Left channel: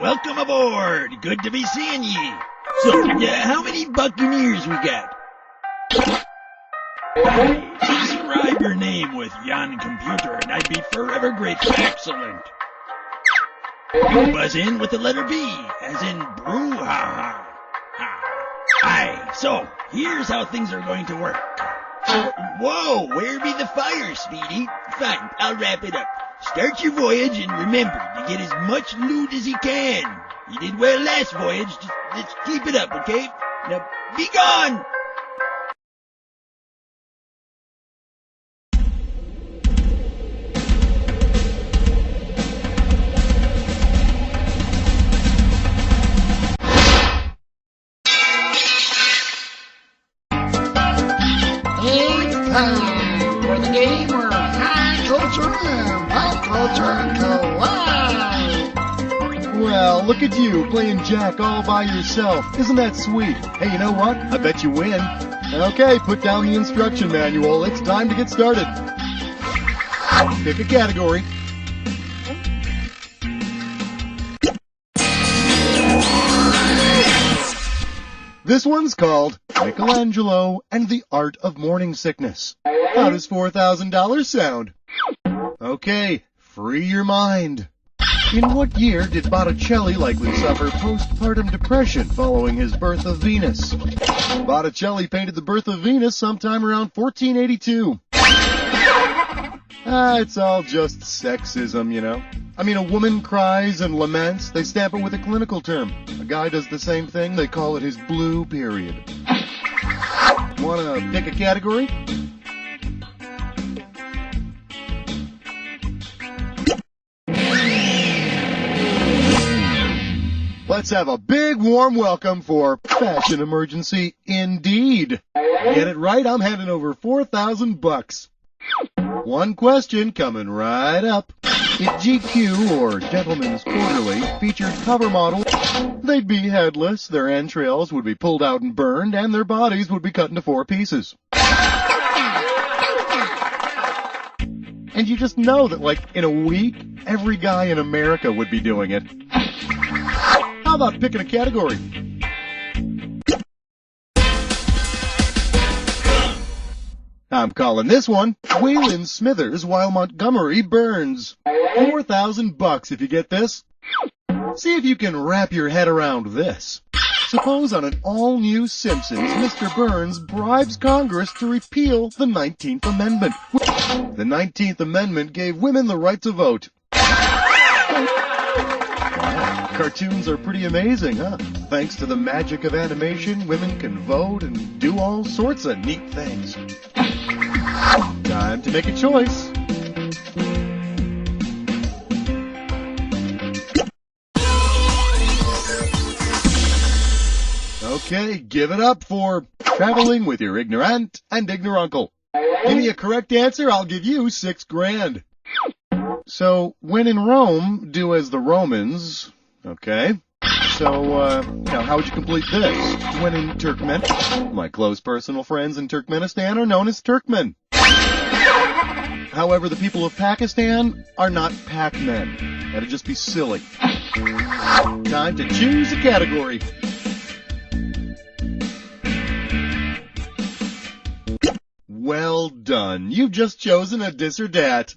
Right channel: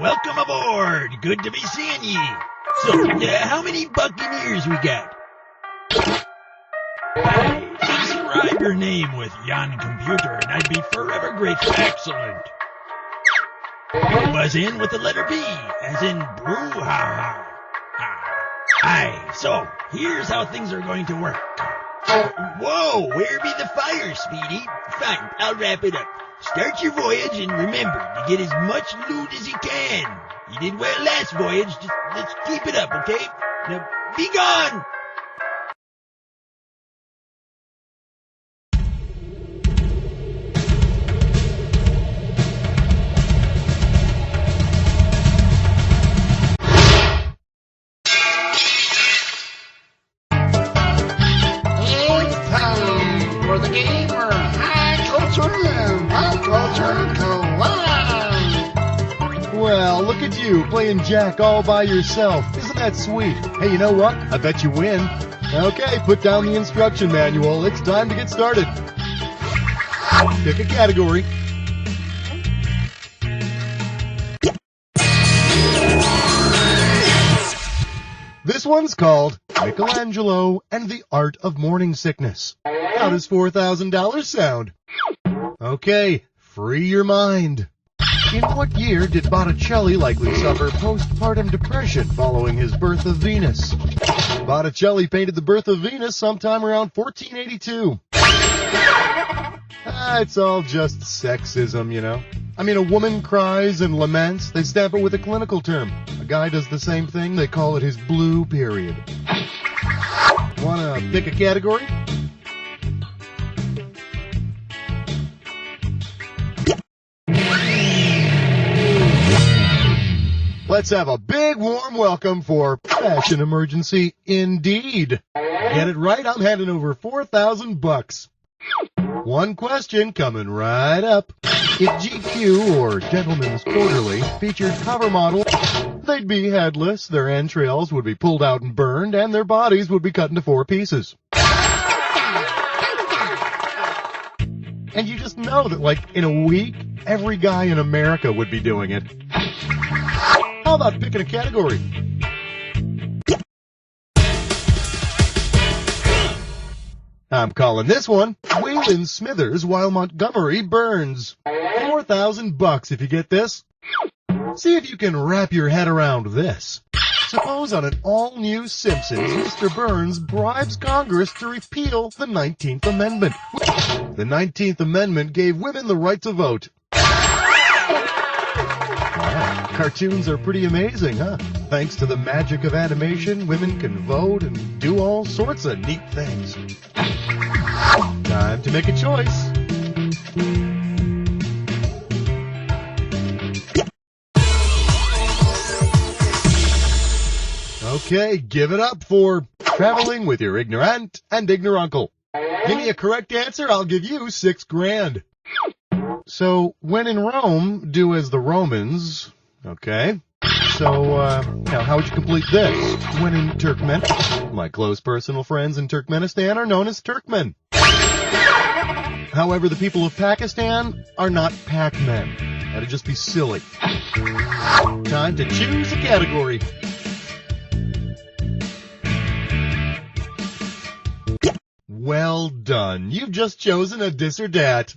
welcome aboard. Good to be seeing ye. So, how many Buccaneers we got? Describe your name with yon computer, and I'd be forever grateful. Excellent. Buzz in with the letter B, as in brouhaha. Aye, so here's how things are going to work. Whoa, where be the fire, Speedy? Fine, I'll wrap it up. Start your voyage and remember to get as much loot as you can. You did well last voyage. Just let's keep it up, okay? Now, be gone! It's time for the game where high culture and pop culture collide. Well, look at you, playing Jack all by yourself. Isn't that sweet? Hey, you know what? I bet you win. Okay, put down the instruction manual. It's time to get started. Pick a category. This one's called Michelangelo and the Art of Morning Sickness. How does $4,000 sound? Okay, free your mind. In what year did Botticelli likely suffer postpartum depression following his Birth of Venus? Botticelli painted the Birth of Venus sometime around 1482. It's all just sexism, you know. I mean, a woman cries and laments, they stamp it with a clinical term. A guy does the same thing, they call it his blue period. Wanna pick a category? Let's have a big warm welcome for Fashion Emergency Indeed. Get it right, I'm handing over $4,000. One question coming right up. If GQ or Gentleman's Quarterly featured cover models, they'd be headless, their entrails would be pulled out and burned, and their bodies would be cut into 4 pieces. And you just know that, like, in a week, every guy in America would be doing it. How about picking a category? I'm calling this one Waylon Smithers While Montgomery Burns. $4,000 if you get this. See if you can wrap your head around this. Suppose on an all-new Simpsons, Mr. Burns bribes Congress to repeal the 19th Amendment. The 19th Amendment gave women the right to vote. Wow, cartoons are pretty amazing, huh? Thanks to the magic of animation, women can vote and do all sorts of neat things. Time to make a choice. Okay, give it up for traveling with your ignorant and ignoruncle. Give me a correct answer, I'll give you $6,000. So, when in Rome, do as the Romans. Okay. So, now how would you complete this? When in Turkmenistan, my close personal friends in Turkmenistan are known as Turkmen. However, the people of Pakistan are not Pac-Men. That'd just be silly. Time to choose a category. Well done. You've just chosen a dis or dat.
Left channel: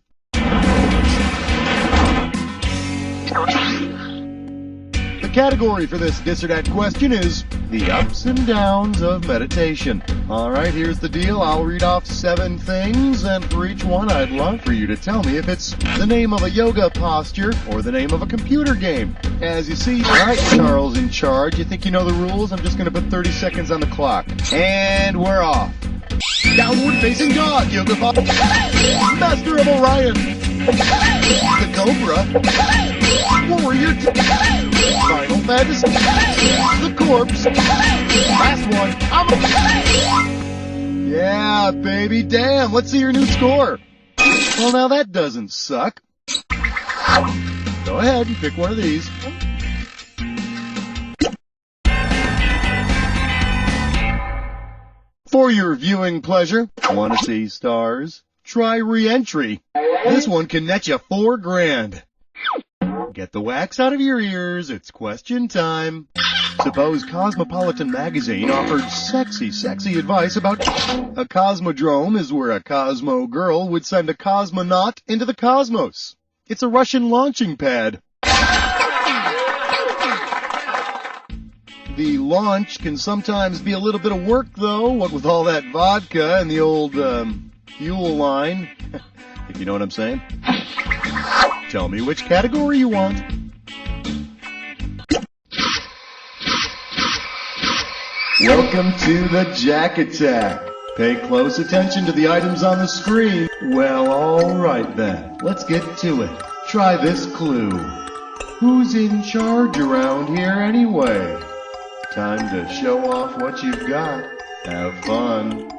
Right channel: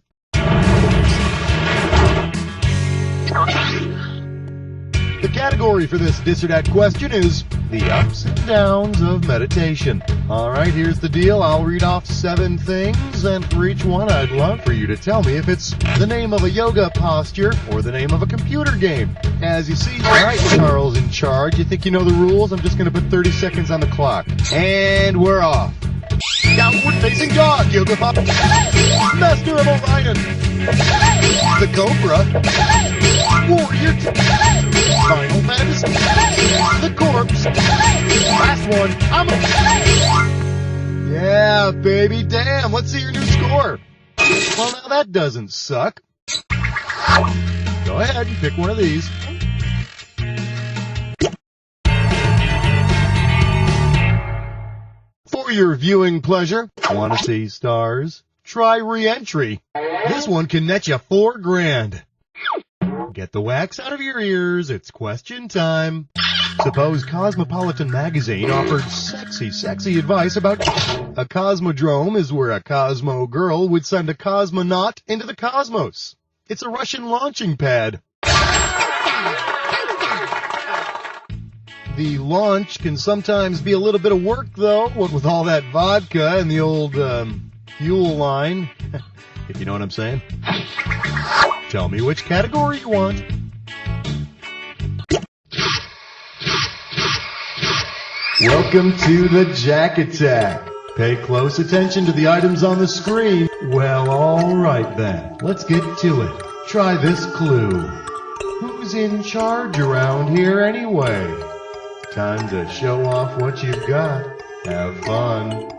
The category for this dis or dat question is the ups and downs of meditation. Alright, here's the deal. I'll read off 7 things, and for each one I'd love for you to tell me if it's the name of a yoga posture or the name of a computer game. As you see, alright, Charles in charge. You think you know the rules? I'm just going to put 30 seconds on the clock. And we're off. Downward facing dog, yoga pop. Master of Orion. The Cobra. Warrior. Final Fantasy. The Corpse. Last one. Yeah, baby, damn. Let's see your new score. Well, now that doesn't suck. Go ahead and pick one of these. For your viewing pleasure, want to see stars? Try Re-Entry. This one can net you $4,000. Get the wax out of your ears. It's question time. Suppose Cosmopolitan magazine offered sexy advice about a cosmodrome is where a Cosmo girl would send a cosmonaut into the cosmos. It's a Russian launching pad. The launch can sometimes be a little bit of work, though, what with all that vodka and the old fuel line, if you know what I'm saying. Tell me which category you want. Welcome to the Jack Attack. Pay close attention to the items on the screen. Well, all right then. Let's get to it. Try this clue. Who's in charge around here anyway? Time to show off what you've got. Have fun.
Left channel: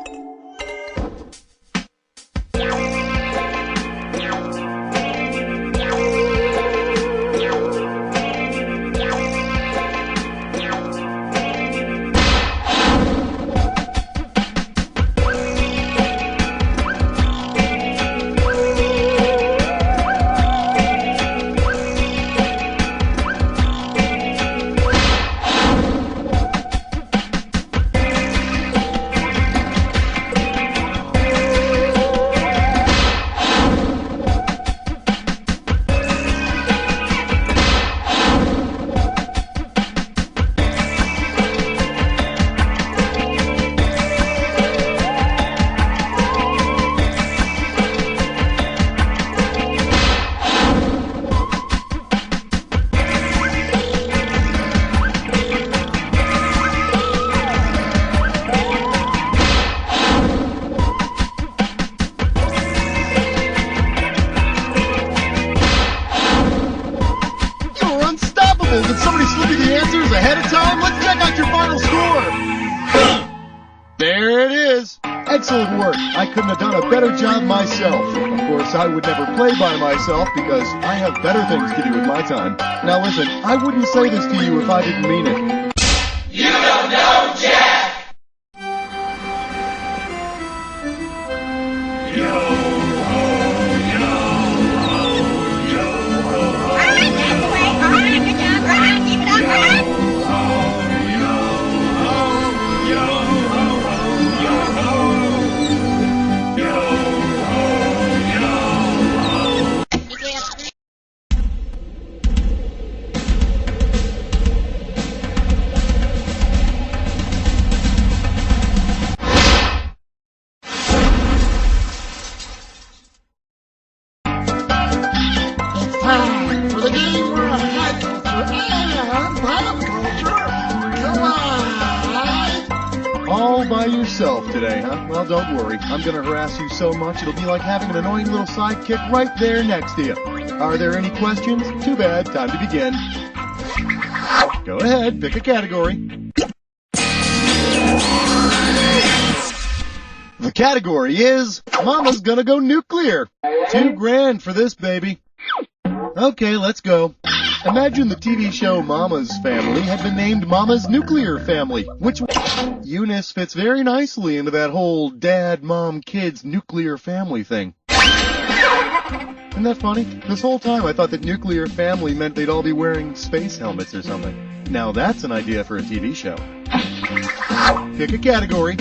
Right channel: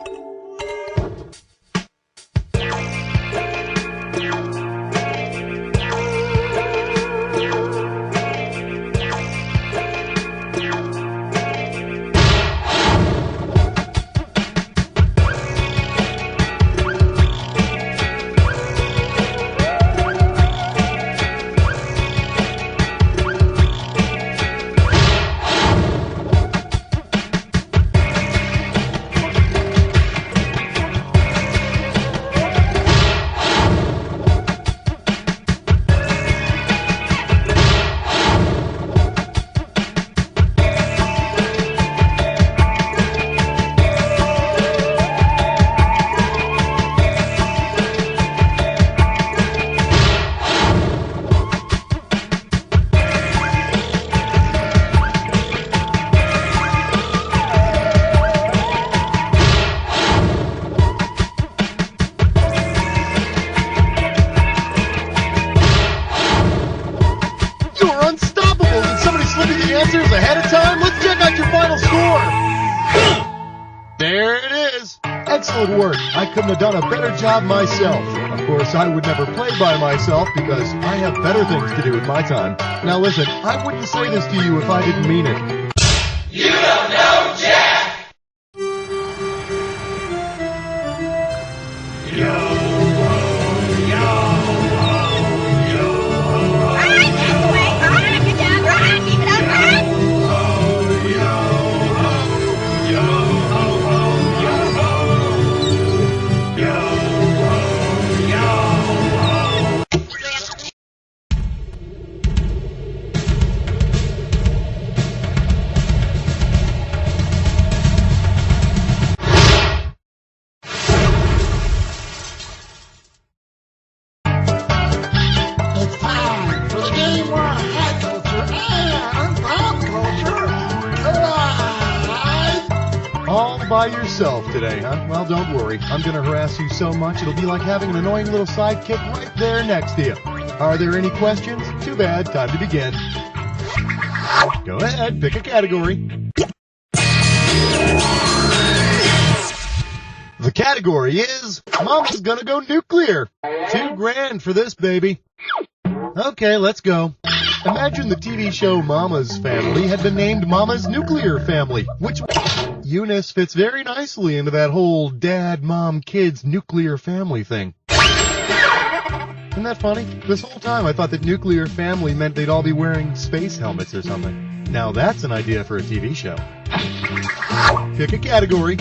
Did somebody slip you the answers ahead of time? Let's check out your final score. There it is. Excellent work. I couldn't have done a better job myself. Of course, I would never play by myself because I have better things to do with my time. Now listen, I wouldn't say this to you if I didn't mean it. You don't know Jack! It's time for the game where high culture and pop culture collide. All by yourself today, huh? Well, don't worry. I'm going to harass you so much it'll be like having an annoying little sidekick right there next to you. Are there any questions? Too bad. Time to begin. Go ahead. Pick a category. The category is Mama's Gonna Go Nuclear. $2,000 for this, baby. Okay, let's go. Imagine the TV show Mama's Family had been named Mama's Nuclear Family, which Eunice fits very nicely into that whole dad, mom, kids, nuclear family thing. Isn't that funny? This whole time I thought that nuclear family meant they'd all be wearing space helmets or something. Now that's an idea for a TV show. Pick a category.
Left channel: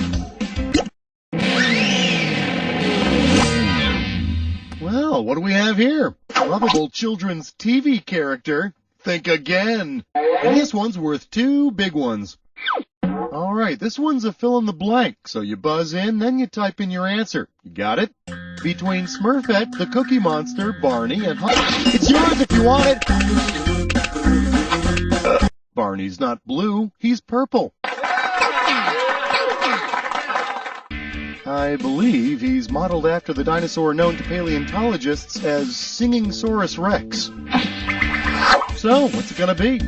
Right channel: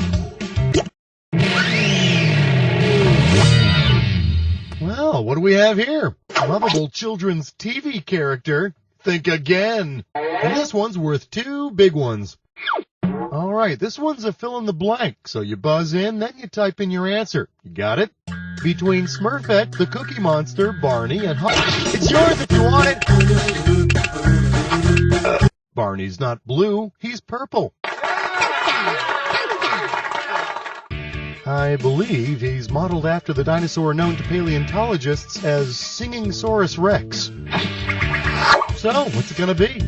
Well, what do we have here? Lovable children's TV character. Think again. And this one's worth 2 big ones. All right, this one's a fill in the blank. So you buzz in, then you type in your answer. You got it? Between Smurfette, the Cookie Monster, Barney, and it's yours if you want it. Barney's not blue, he's purple. I believe he's modeled after the dinosaur known to paleontologists as Singing Saurus Rex. So, what's it gonna be?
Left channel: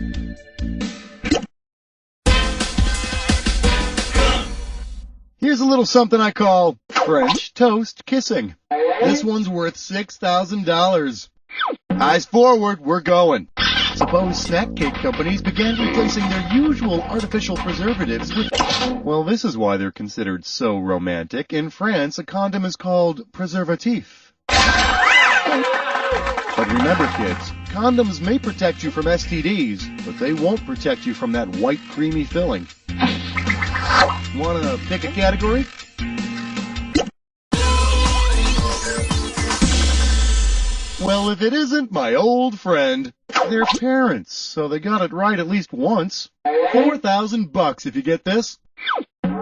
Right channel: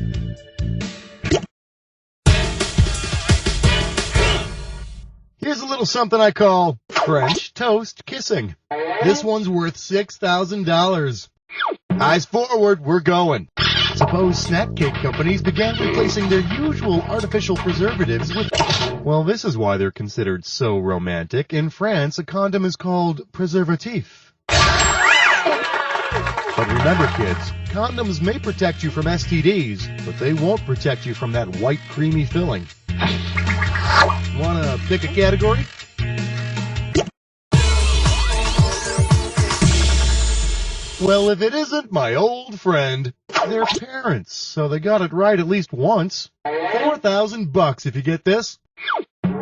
Here's a little something I call French toast kissing. This one's worth $6,000. Eyes forward, we're going. Suppose snack cake companies began replacing their usual artificial preservatives with... Well, this is why they're considered so romantic. In France, a condom is called preservatif. But remember, kids, condoms may protect you from STDs, but they won't protect you from that white creamy filling. Wanna pick a category? Well, if it isn't my old friend, their parents, so they got it right at least once. $4,000 if you get this.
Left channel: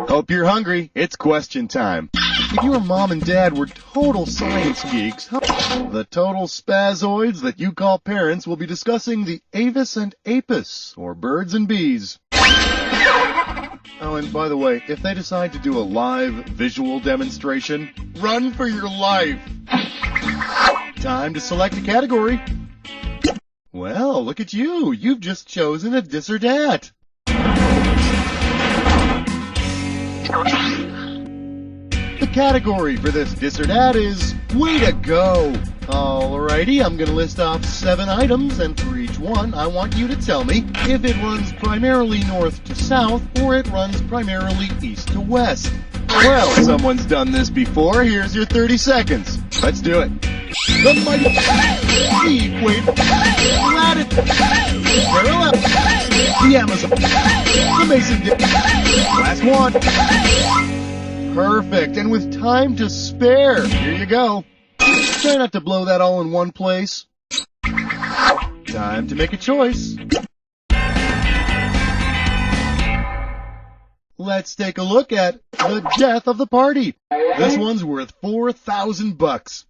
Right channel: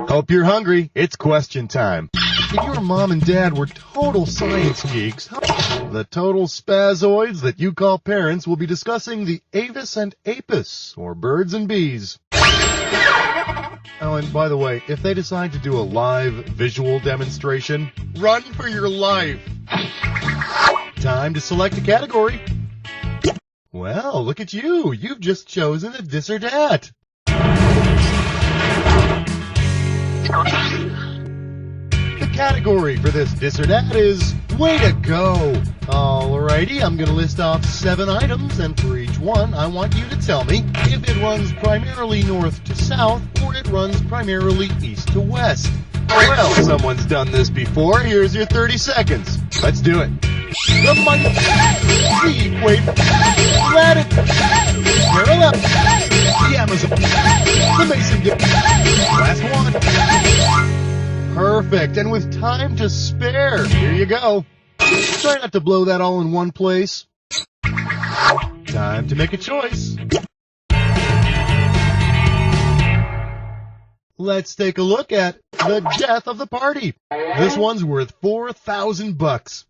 Hope you're hungry. It's question time. If your mom and dad were total science geeks, the total spazoids that you call parents will be discussing the Avis and Apis, or birds and bees. Oh, and by the way, if they decide to do a live visual demonstration, run for your life. Time to select a category. Well, look at you. You've just chosen a dis or dat. The category for this dis or dat is way to go. Alrighty, I'm going to list off 7 items, and for each one, I want you to tell me if it runs primarily north to south or it runs primarily east to west. Well, someone's done this before. Here's your 30 seconds. Let's do it. The mighty, the equator, latitude, parallel, the Amazon, the Mason Dixon. Last one. Perfect. And with time to spare, here you go. Try not to blow that all in one place. Time to make a choice. Let's take a look at the death of the party. This one's worth $4,000.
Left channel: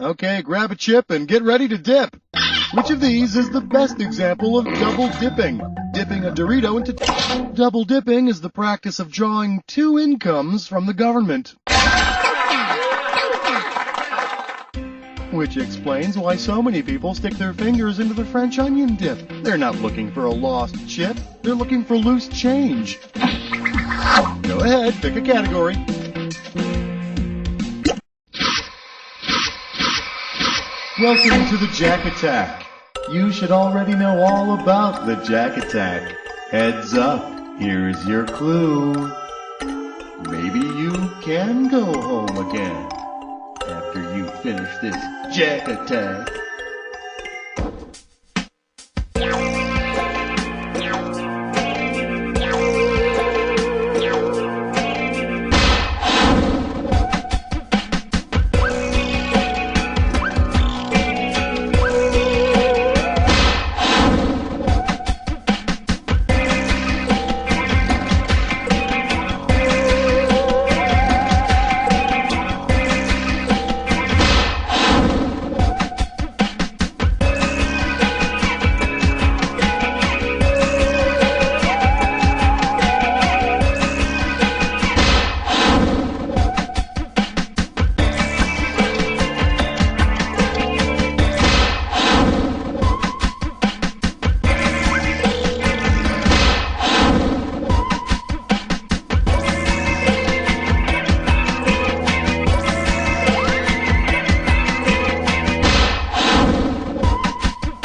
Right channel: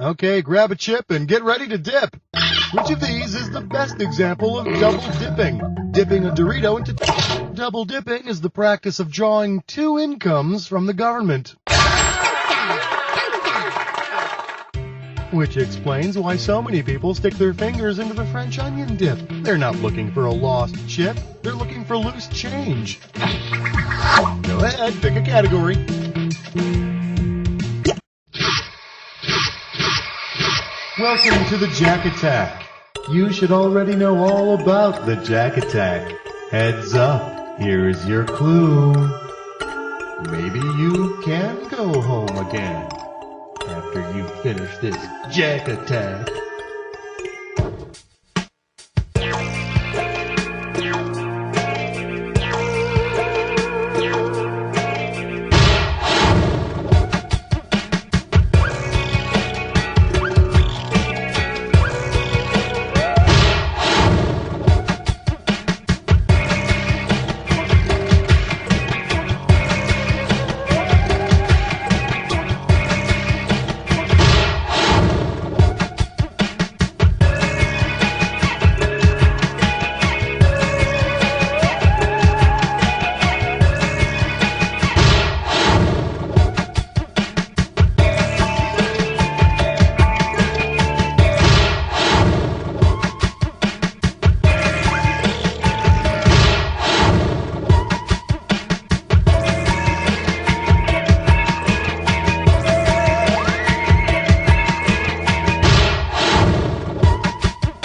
Okay, grab a chip and get ready to dip. Which of these is the best example of double dipping? Dipping a Dorito into... Double dipping is the practice of drawing 2 incomes from the government. Which explains why so many people stick their fingers into the French onion dip. They're not looking for a lost chip. They're looking for loose change. Go ahead, pick a category. Welcome to the Jack Attack. You should already know all about the Jack Attack. Heads up, here's your clue. Maybe you can go home again after you finish this Jack Attack.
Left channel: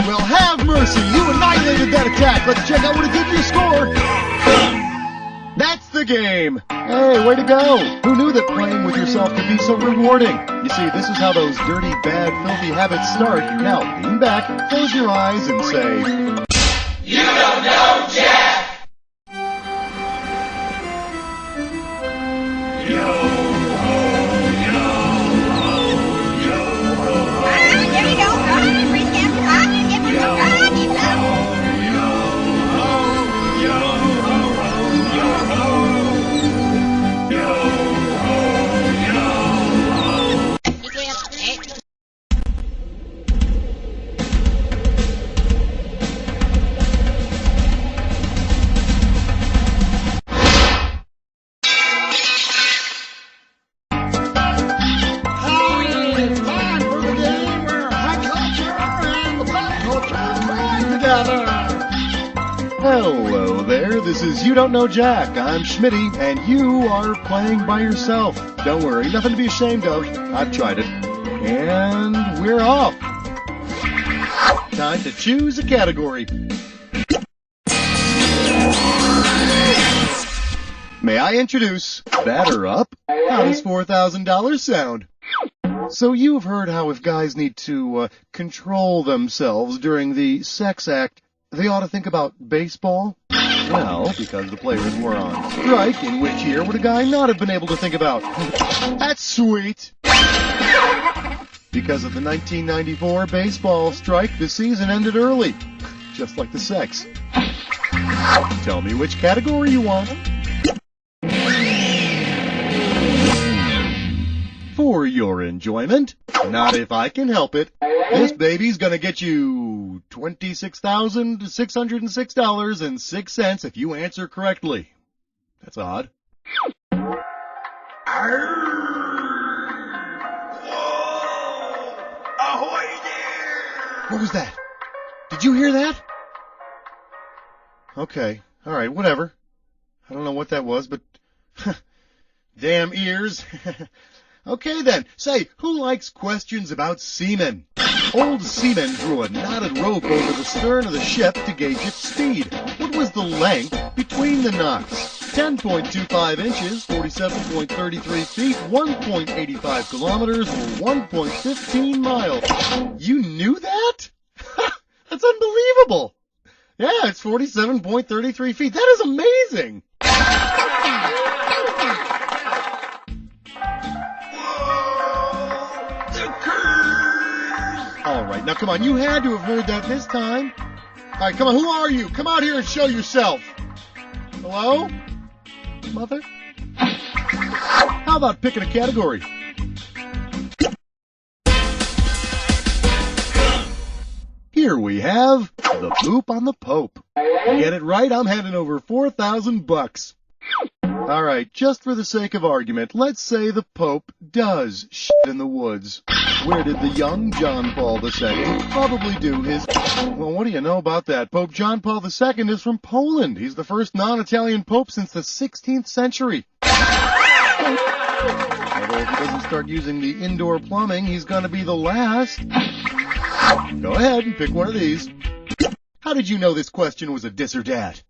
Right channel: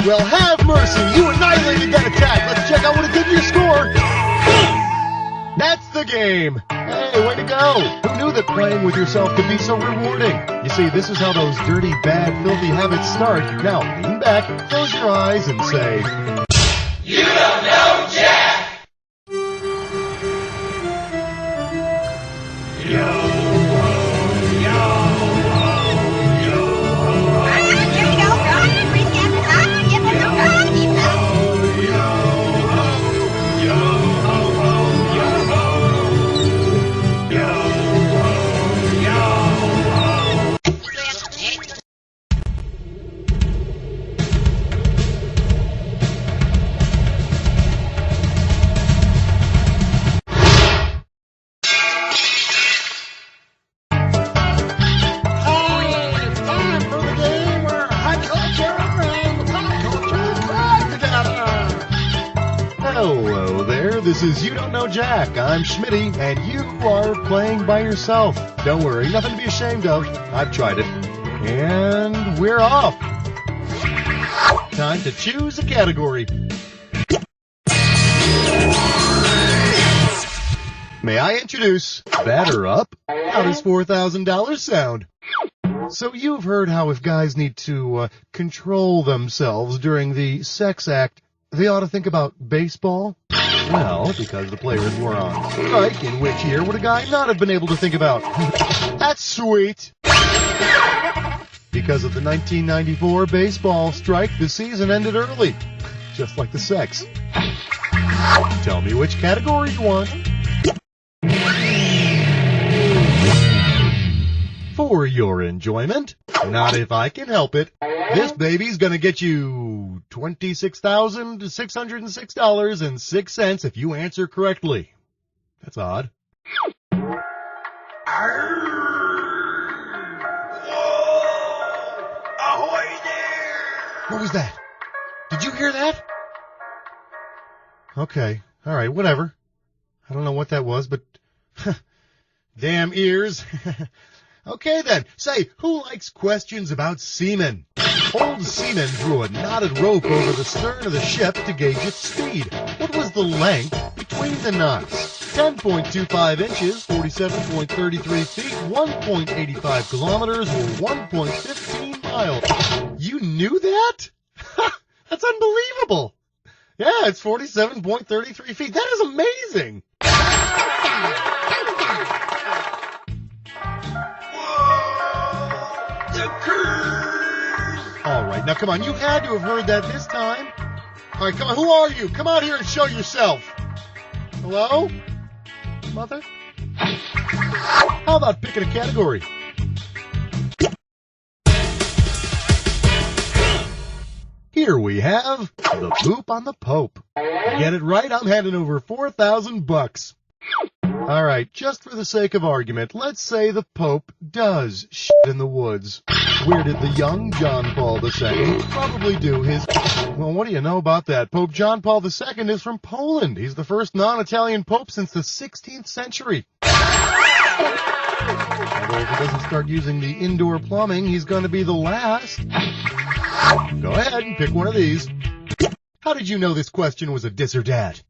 Well, have mercy. You annihilated that attack. Let's check out what it did to your score. That's the game. Hey, way to go. Who knew that playing with yourself could be so rewarding? You see, this is how those dirty, bad, filthy habits start. Now, lean back, close your eyes, and say... You don't know Jack! Yo! Hello there, this is You Don't Know Jack. I'm Schmitty, and you are playing by yourself. Don't worry, nothing to be ashamed of. I've tried it. And we're off. Time to choose a category. May I introduce Batter Up? How does $4,000 sound? So you've heard how if guys need to control themselves during the sex act, they ought to think about baseball? Well, because the players were on strike, in which year would a guy not have been able to think about? That's sweet! Because of the 1994 baseball strike, the season ended early. Just like the sex. Tell me which category you want. For your enjoyment, not if I can help it, this baby's gonna get you $26,606.06 if you answer correctly. That's odd. Whoa! Ahoy there! What was that? Did you hear that? Okay. All right, whatever. I don't know what that was, but damn ears. Okay then. Say, who likes questions about seamen? Old seamen drew a knotted rope over the stern of the ship to gauge its speed. What was the length between the knots? 10.25 inches, 47.33 feet, 1.85 kilometers, or 1.15 miles. You knew that? That's unbelievable. Yeah, it's 47.33 feet. That is amazing. The curse! All right, now come on. You had to have heard that this time. All right, come on. Who are you? Come out here and show yourself. Hello? Mother? How about picking a category? Here we have the poop on the Pope. Get it right, I'm handing over $4,000. All right, just for the sake of argument, let's say the Pope does shit in the woods. Where did the young John Paul II probably do his... Well, what do you know about that? Pope John Paul II is from Poland. He's the first non-Italian pope since the 16th century. Although if he doesn't start using the indoor plumbing, he's going to be the last. Go ahead and pick one of these. How did you know this question was a dis or dat?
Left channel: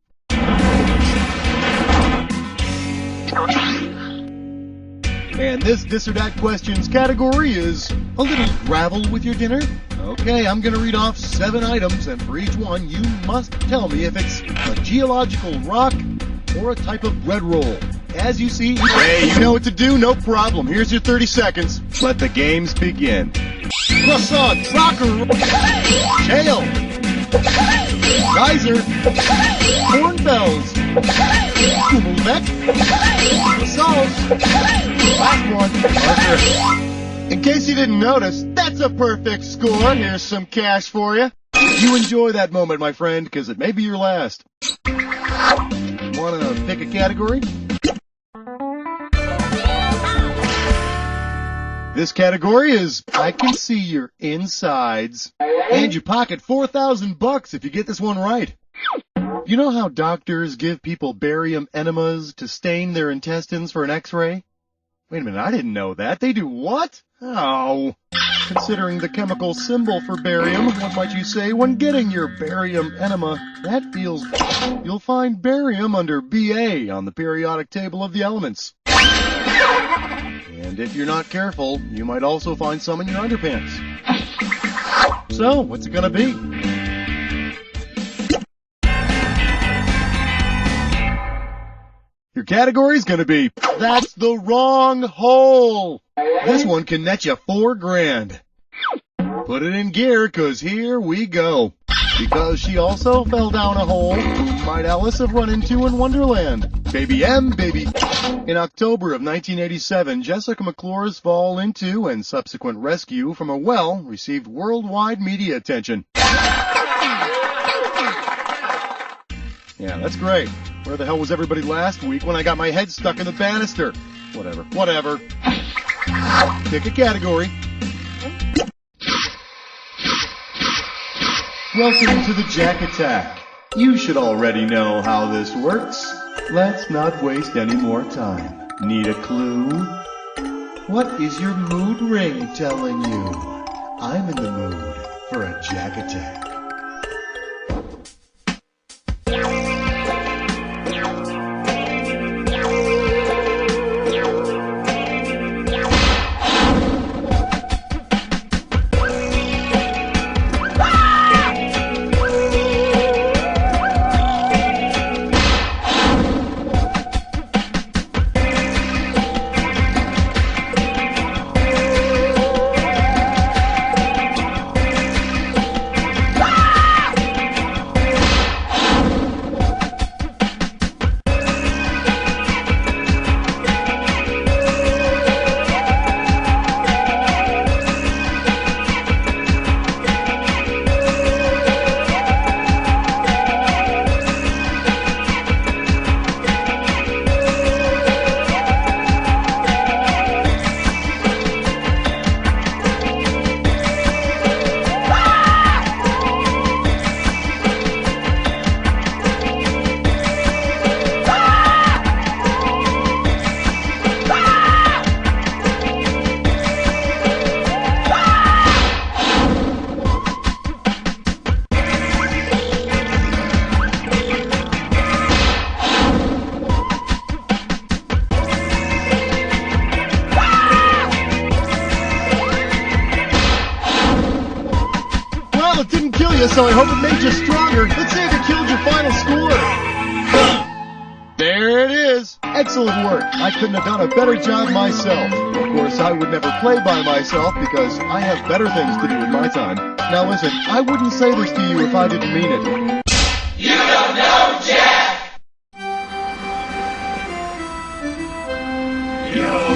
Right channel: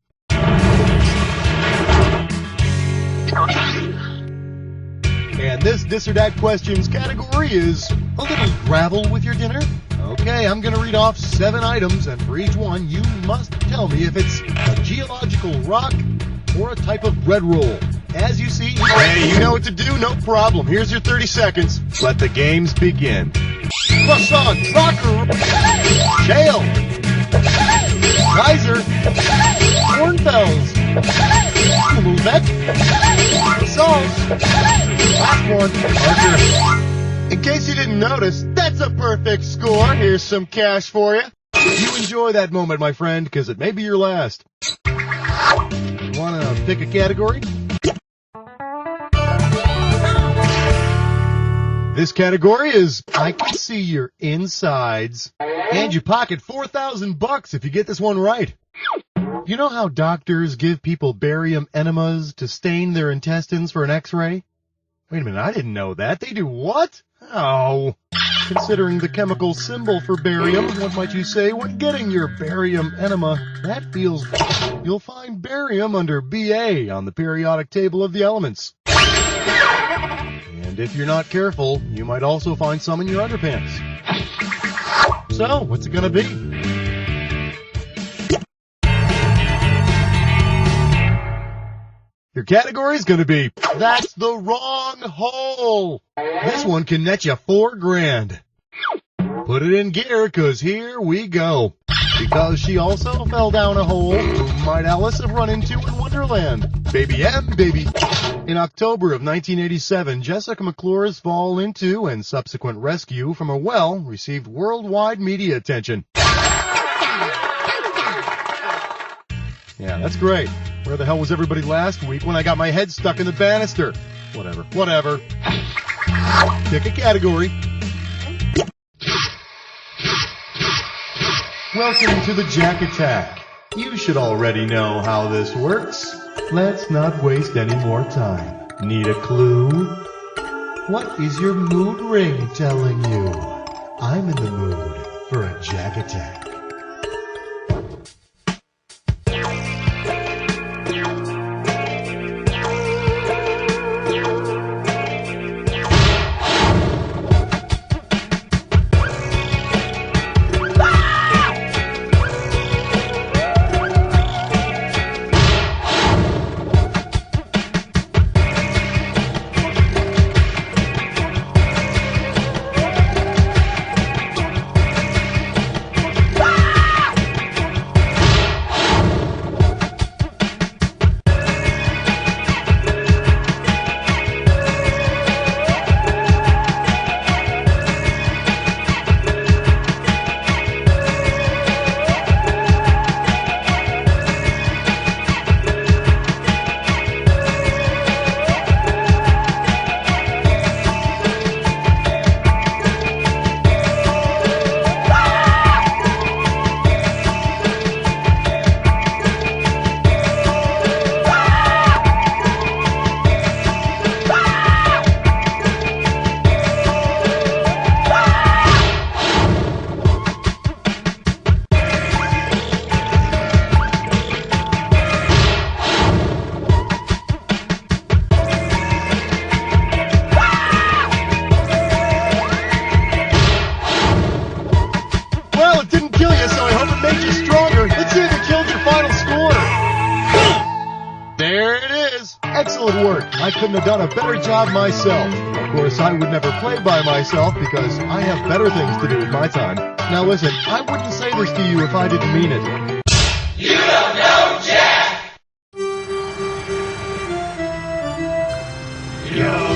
And this dis or dat questions category is a little gravel with your dinner. Okay, I'm going to read off 7 items, and for each one, you must tell me if it's a geological rock or a type of bread roll. As you see, hey, you know what to do, no problem. Here's your 30 seconds. Let the games begin. Croissant, rocker, shale, Kaiser, cornfells, Kumelbeck, salt, last one, Archer. In case you didn't notice, that's a perfect score. Here's some cash for you. You enjoy that moment, my friend, because it may be your last. Want to pick a category? This category is I can see your insides. And you pocket $4,000 if you get this one right. You know how doctors give people barium enemas to stain their intestines for an x-ray? Wait a minute, I didn't know that. They do what? Oh. Considering the chemical symbol for barium, what might you say when getting your barium enema? That feels... You'll find barium under Ba on the periodic table of the elements. And if you're not careful, you might also find some in your underpants. So, what's it gonna be? Your category's gonna be, that's the wrong hole. This one can net you $4,000. Put it in gear, 'cause here we go. Because she also fell down a hole, who might Alice have run into in Wonderland? Baby M, baby. In October of 1987, Jessica McClure's fall into and subsequent rescue from a well received worldwide media attention. Yeah, that's great. Where the hell was everybody last week when I got my head stuck in the banister? Whatever. Pick a category. Welcome to the Jack Attack. You should already know how this works. Let's not waste any more time. Need a clue? What is your mood ring telling you? I'm in the mood for a Jack Attack. Well, it didn't kill you, so I hope it made you stronger. Let's see if it killed your final score. There it is. Excellent work. I couldn't have done a better job myself. Of course, I would never play by myself because I have better things to do with my time. Now listen, I wouldn't say this to you if I didn't mean it. You don't know Jack! Yo.